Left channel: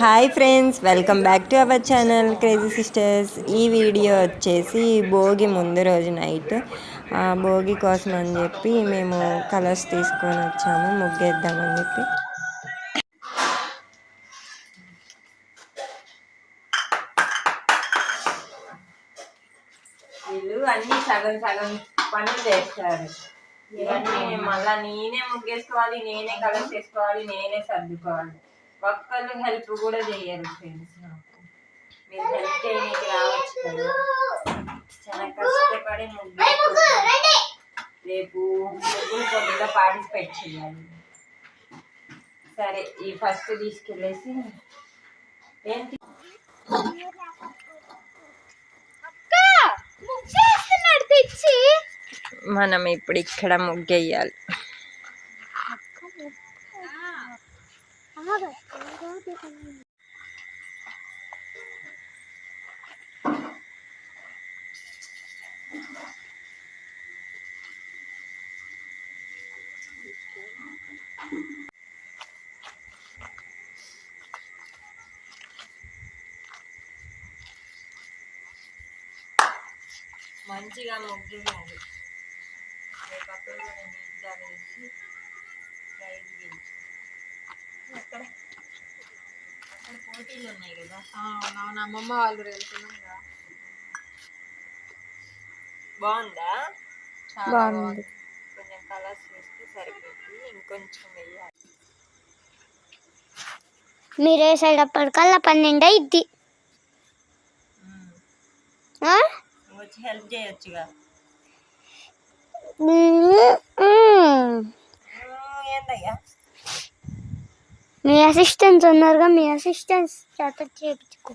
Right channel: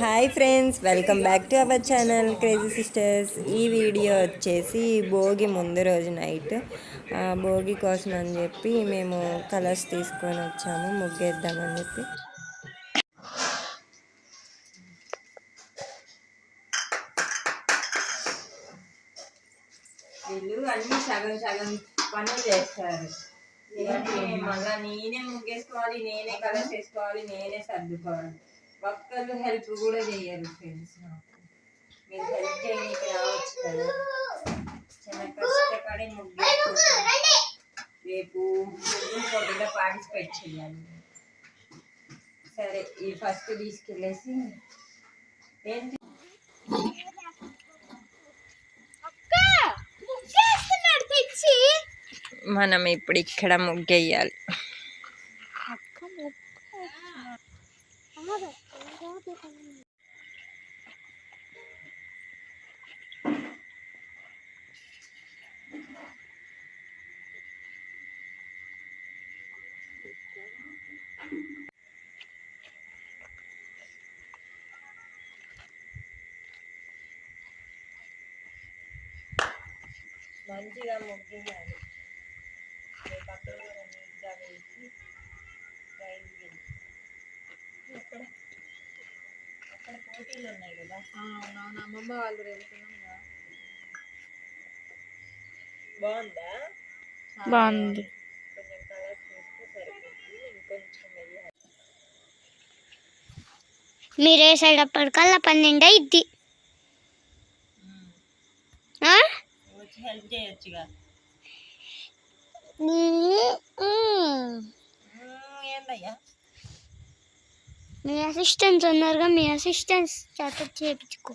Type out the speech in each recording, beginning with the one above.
Hi friends, welcome back to our channel crazy sisters. ఈ video వచ్చేసి భోగి ముందు రోజు నైట్ భోగి కోసం అని చెప్పి మేము కలర్స్ తీసుకొని వచ్చాము ముగ్గేద్దామని చెప్పి. వీళ్ళు అన్నీ సగం సగం పనులు చేస్తారు. ఇవన్నీ మళ్ళీ నేనే ముగ్గేసుకోవాలి, నేనే కలర్స్ వేసుకోవాలి, నేనే సర్దుకోవాలి. ఒక్కళ్ళు హెల్ప్ కూడా చేయరు ఫ్రెండ్స్. నాకు మీరు హెల్ప్ చేయడానికి రావచ్చు కదా. చాలా కష్టపడి ముగ్గు రేపు ముగ్గురు పోటీలో పార్టిసిపేట్ చేయాలి. సరే, ఈ ఫస్ట్ తీసుకెళ్ళేసి ఏంటి మనం ఇప్పుడు ఇక్కడ ముగ్గేయాలి. మంచిగా ముగ్గేయాలి. పక్కన నీట్గా వేసి ప్రైజ్ గెలిచి అక్కడ పోటీలు ఉన్నాయి కదా. అమ్మమ్మ వాళ్ళు వెళ్తున్నాం. బాగుందా? బాగుంది. కొంచెం కలర్స్ వేస్తే సరిపోతుంది, ఇంకొంచెం వేయాలి. మీరు వేసేటప్పటికల్లా 12 అయింది. వచ్చి హెల్ప్ చేయొచ్చుగా. ఏందయ్యా, మీ అసిస్టెంట్స్ ఉన్నారుగా, మీ అసిస్టెంట్స్ చేత చేయించుకో.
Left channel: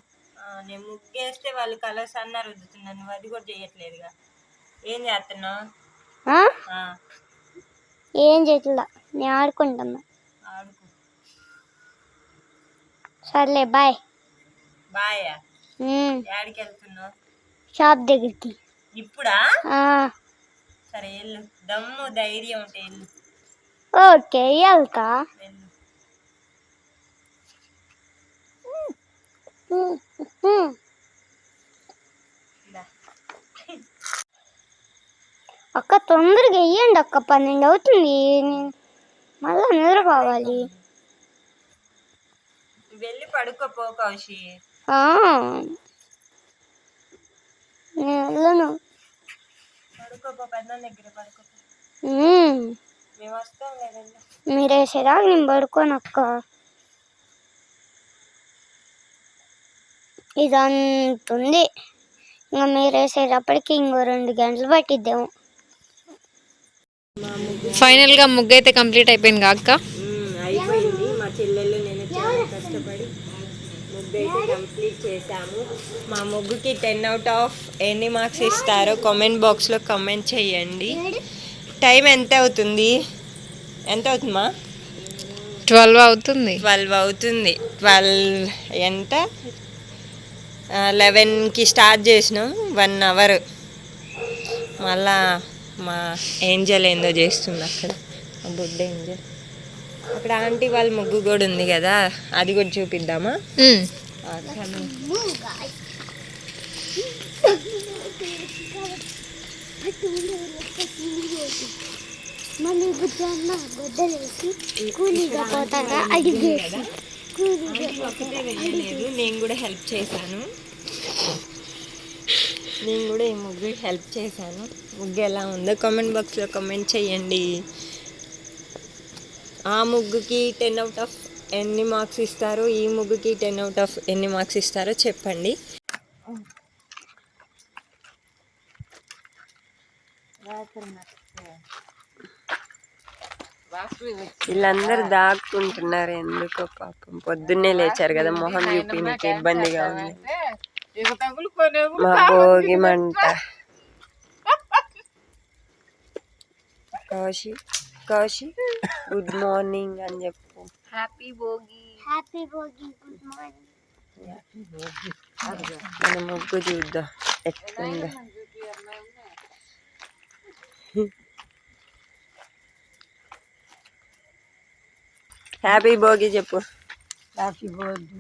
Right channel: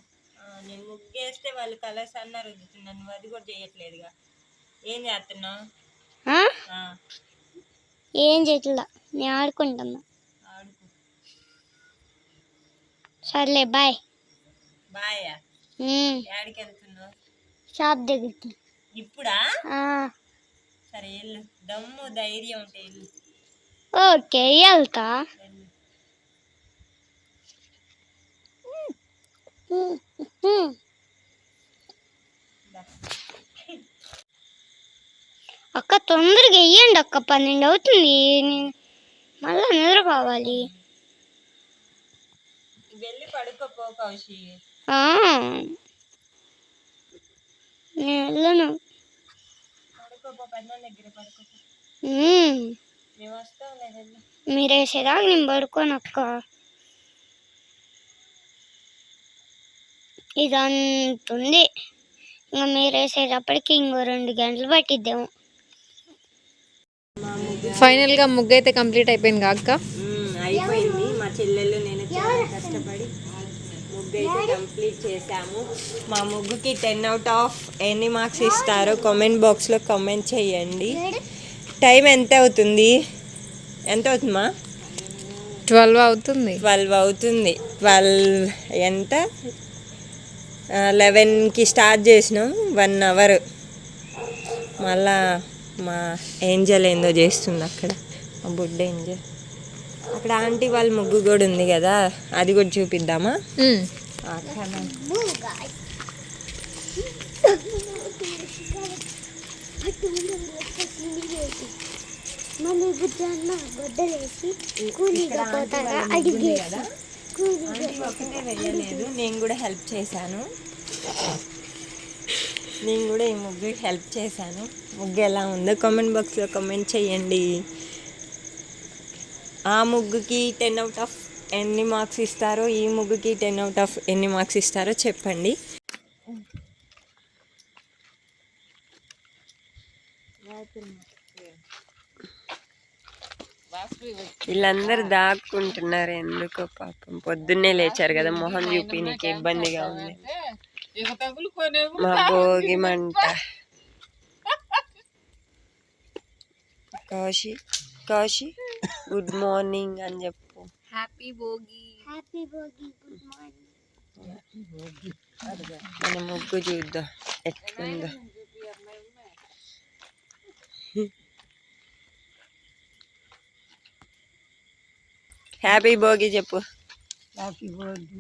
నేను ముగ్గేస్తే వాళ్ళు కలర్స్ అన్నారు రుద్దుతున్నారు, నువ్వు అది కూడా చేయట్లేదుగా. ఏం చేస్తున్నావు? ఏం చేయట్లా, నేను ఆడుకుంటున్నా. ఆడుకో. సర్లే, బాయ్. బాయా? యాడికి వెళ్తున్నావు? షాప్ దగ్గరికి. ఇప్పుడా? సరే వెళ్ళు, దమ్ము ధైర్యం ఉంటే వెళ్ళు. ఓకే, వెళ్తా. అక్క తొందరగా వెయ్యండి అక్క, 12 అవుతుంది. మళ్ళా నిద్రపోవాలి. వెళ్ళి పడుకోపో కౌశి. నేను వెళ్ళను. పడుకోపో, పెద్ద దగ్గర పడుకోపో. మేము వస్తాం లేదండి. మీరు వేసేదాకా నేను పడుకోనక్క. ఇదంతుంది, ఇంకా మీరు వేసేటప్పటికి ఇంకో 2 గంటలు పట్టిద్దాము. ఫైనల్గా ముగ్గు అయితే కంప్లీట్ అయిపోయింది అక్క. అయిపోయింది. మా చెల్లెళ్ళు నేను చాలా కష్టపడి ముగ్గు అయితే కంప్లీట్ చేశాము. మా ముగ్గుకి 10 out of ఎన్ని మార్క్స్ ఇస్తారో కామెంట్ బాక్స్లో కామెంట్ చేయండి. టైం ఎంత అవుతుంది? ఎంత అవుతుందమ్మా? 12 అవుతుంది. 12 అవుతుంది. 12 ఎంత? 11కి స్టార్ట్ చేసినాం. 1 hour. మళ్ళా మా ఏంజల్ ఏందో చేస్తుంది అక్కడ, బుడ్డ ఏంజల్. అక్కడ ఆంటీ వాళ్ళ ముగ్గు కూడా ఉంది కదా, అది కూడా చూపిద్దామా? ఒకటే వేయలేదు, నేను కూడా హెల్ప్ చేశాను. నేను కూడా ఈ ముగ్గు హెల్ప్ చేశాను. ముగ్గు ఎలా ఉందో కామెంట్ బాక్స్లో కామెంట్ చేయండి. ఆ ముగ్గుకి 10 out of ఎన్ని మార్క్స్ ఇస్తారో, ఈ ముగ్గుకి 10 out of ఎన్ని మార్క్స్ ఇస్తారో చెప్పండి. వీళ్ళందరూ దాక్కుంటున్నారు ఎందుకో, పాపం పొద్దున్నే లేచారు కదా, మొహం చూపించడానికి ఇబ్బందిగా ఉంది. మా భోగి మంట. కాశీ, కాశీ గుడ్ మార్నింగ్ అని చెప్పు. Happy Bhogi. Happy Bhogi, good morning. మన ముగ్గు చూద్దాం ఎట్లుందో. హ్యాపీ భోగి చెప్పు. Happy Bhogi.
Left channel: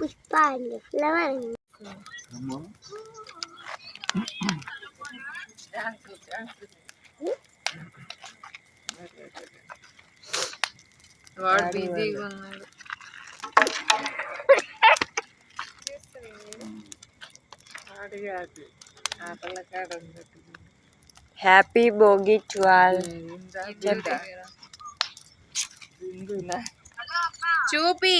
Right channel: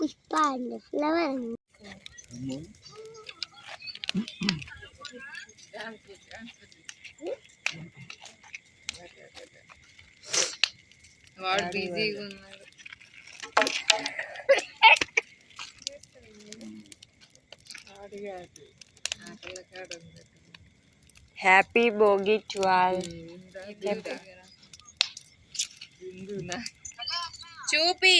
Pushpa and flower. వాడు బిజీగా ఉన్నాడు. Happy Bhogi to all. చూపి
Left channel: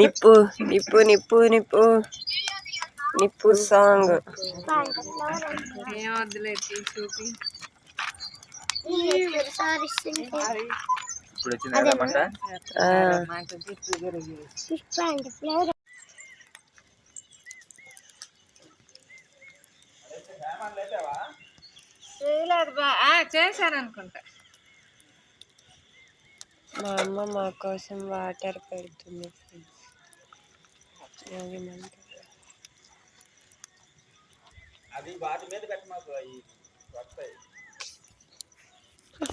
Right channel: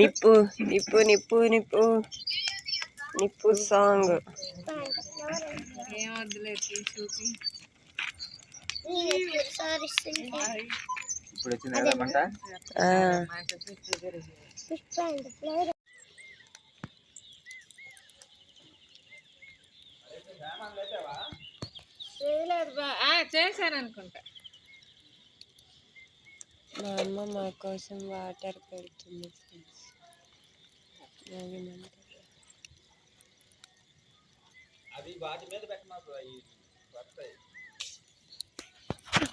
నిప్పు నిప్పు నిప్పు నిప్పు నిప్పు సాంగ్. ఏం వద్దులే చూపి. Pushpa and flower. చేశాను అనుకుంటా. మా అమ్మ మా కోసం వాటర్ పెడుతుంది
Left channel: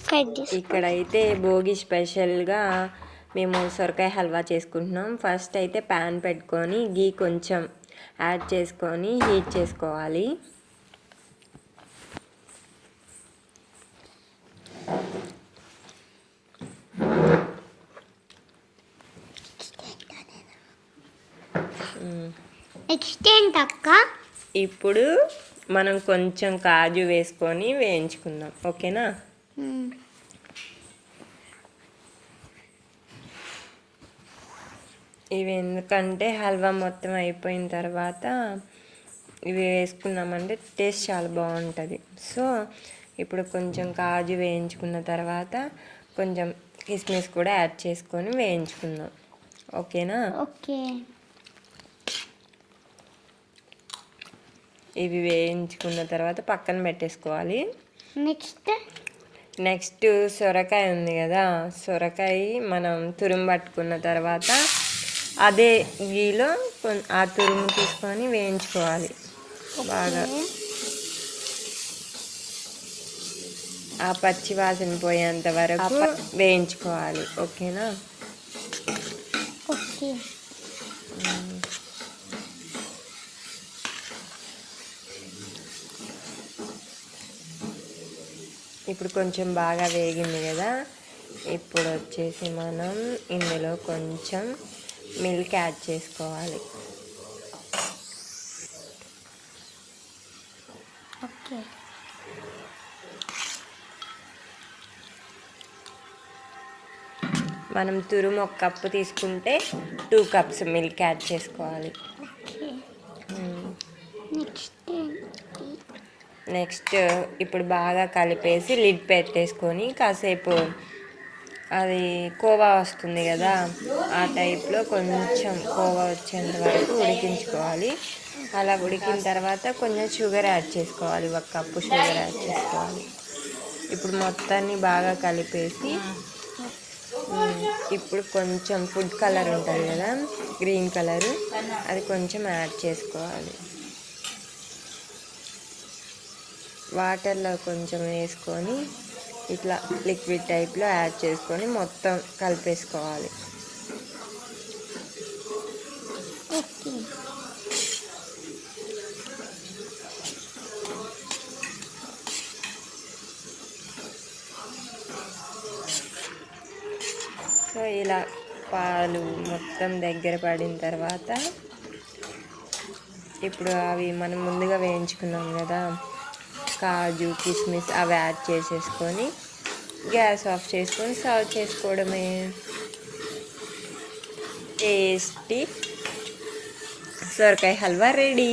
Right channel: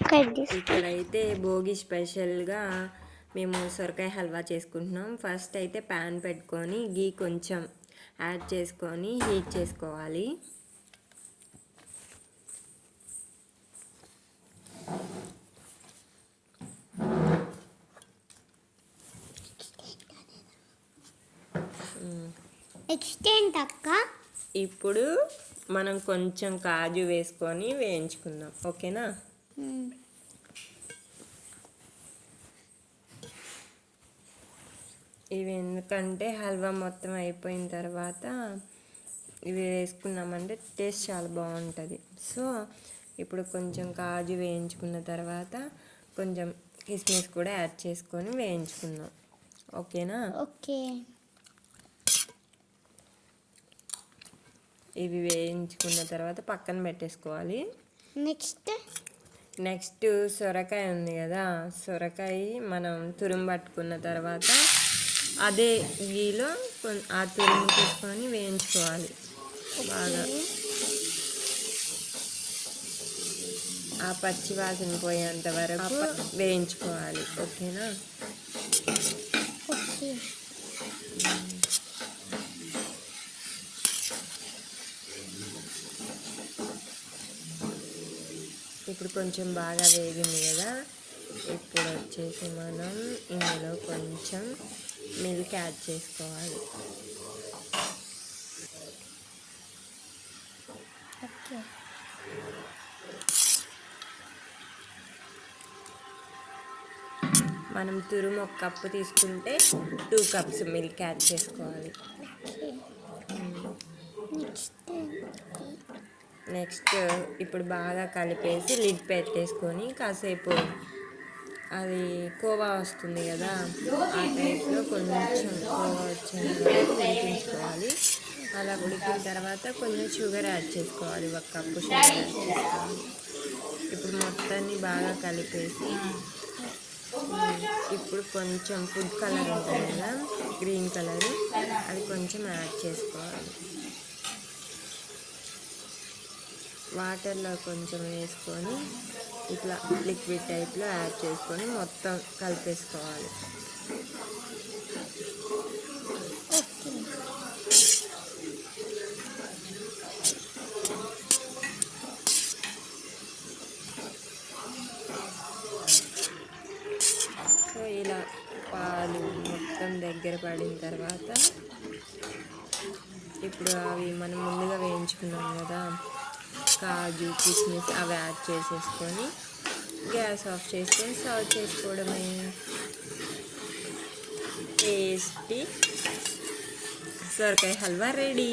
ఫ్రెండ్స్. ఇక్కడైతే భోగి స్పెషల్గా మేము సొరకాయ హల్వా చేసుకుంటున్నాం. ఫస్ట్ అయితే ప్యాన్ పెట్టుకొని గీ కొంచెం యాడ్ చేసుకొని హీట్ చేసుకోవాలి. నెక్స్ట్ ఏంటక్క? ఇప్పుడు మనం కొంచెం కాజు వేసుకొని వేయించుకుందాం, ఓకేనా? ఇవి ఎందుకంటే హల్వా మొత్తం అయిపోయిన తర్వాత ఇవి వేసుకున్నామంటే టేస్ట్ చాలా బాగుంటుంది. సో ఇప్పుడు కొంచెం కాజు వేయించుకున్న తర్వాత కొంచెం కిస్మిస్ కూడా యాడ్ చేసుకొని వేయించుకుందాం, ఓకేనా? ఓకే. ఇవి వేయించుకున్న తర్వాత పక్కన పెట్టేసుకోవాలి. నెక్స్ట్ సొరకాయ ఉంది కదా, సొరకాయ మనం తురుము పట్టుకున్న తర్వాత అదే గీలో ఆ తురుము తీసుకొని వేయించుకోవాలి బాగా. ఆ పచ్చి వాసన పోయేంత వరకు వేయించుకోవాలి, ఓకేనా? ఇప్పుడు కొంచెం బాగా వేగింది కదా, ఇప్పుడు వచ్చేసి మనం ఇందులో కొంచెం మిల్క్ యాడ్ చేసుకోవాలి. మనం తురుము 1 కప్పు తీసుకుంటే 2 కప్స్ మిల్క్ యాడ్ చేసుకోవాలి. నెక్స్ట్ ఇప్పుడు బాగా కలిపేసి లిడ్ పెట్టేసుకొని కాసేపు అది కోవా వస్తుంది కదా, ఆ టైప్లో కొంచెం కోవా వచ్చేంత వరకు ఉడికించుకోవాలి. అలా ఉడికిన తర్వాత కొంచెం షుగర్ యాడ్ చేసుకోవాలి, 1 కప్పు షుగర్ యాడ్ చేసుకోవాలి. ఇప్పుడు మొత్తాన్ని బాగా కలిపేసి ఇప్పుడు కొంచెం ఫుడ్ కలర్ ఉంటుంది కదా, గ్రీన్ కలర్, అది కొంచెం యాడ్ చేసుకోవాలి. వాటర్లో కొంచెం వేసుకొని ఇట్లా లిక్విడ్ టైప్లో యాడ్ చేసుకొని మొత్తం కలిపేసుకోవాలి. సో ఇలా పాలు మొత్తం దగ్గర పడిన తర్వాత ఇప్పుడు అవి మనం ముందుగా వేయించుకున్నాం కదా కాజు కిస్మిస్, అవి యాడ్ చేసేసుకొని గ్యాస్ ఆఫ్ చేసుకొని సర్వ్ చేసుకోవడమే. టేస్టీ సొరకాయ హల్వా రెడీ.